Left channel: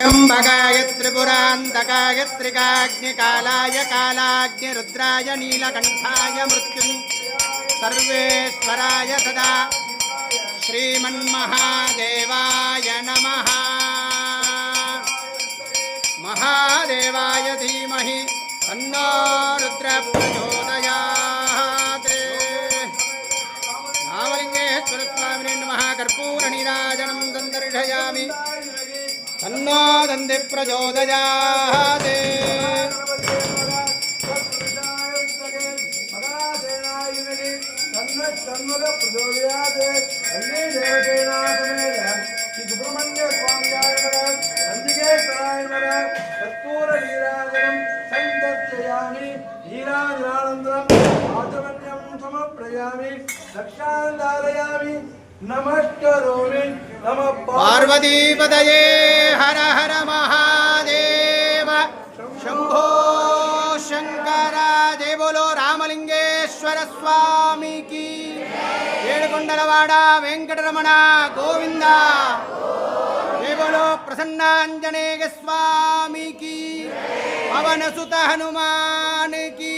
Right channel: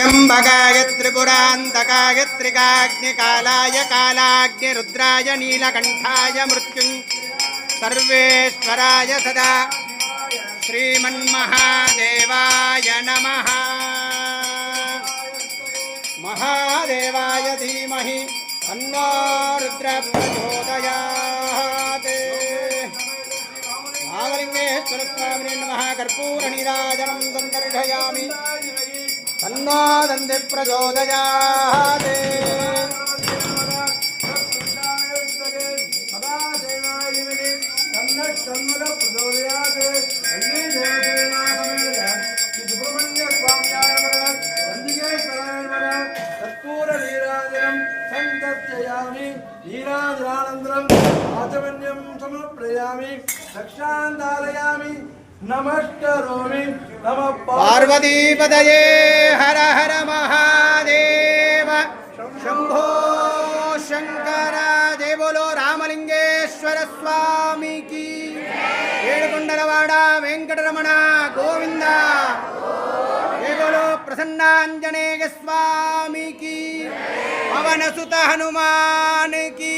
त्र्यम्बकाय त्रिपुरान्तकाय त्रिकाग्निकालाय कालाग्निरुद्राय नीलकण्ठाय मृत्युं सर्वेश्वराय सदा श्रीमन्महादेवाय नमः। महादेवाय धीमहि तन्नो रुद्रः प्रचोदयात्। रामलिंगेश्वर स्वामिने नमः। कर्पूरनीराजनं दन्दर्शयामि तन्नो दन्ति प्रचोदयात्। कर्पूरनीराजनं संदर्शयामि नीराजनानन्तरम् आचमन्यं समर्पयामि दक्षान्दारयामि नमस्करोमि नमः पार्वतीपतये हर हर महादेव शंभो शंकर। जय बोलो रामलिंगेश्वर स्वामी की। ఏడుకొండలవాడ వెంకటరమణ గోవింద। जय बोलो प्रसन्नांजनेय स्वामी की। पवन सुत हनुमान की।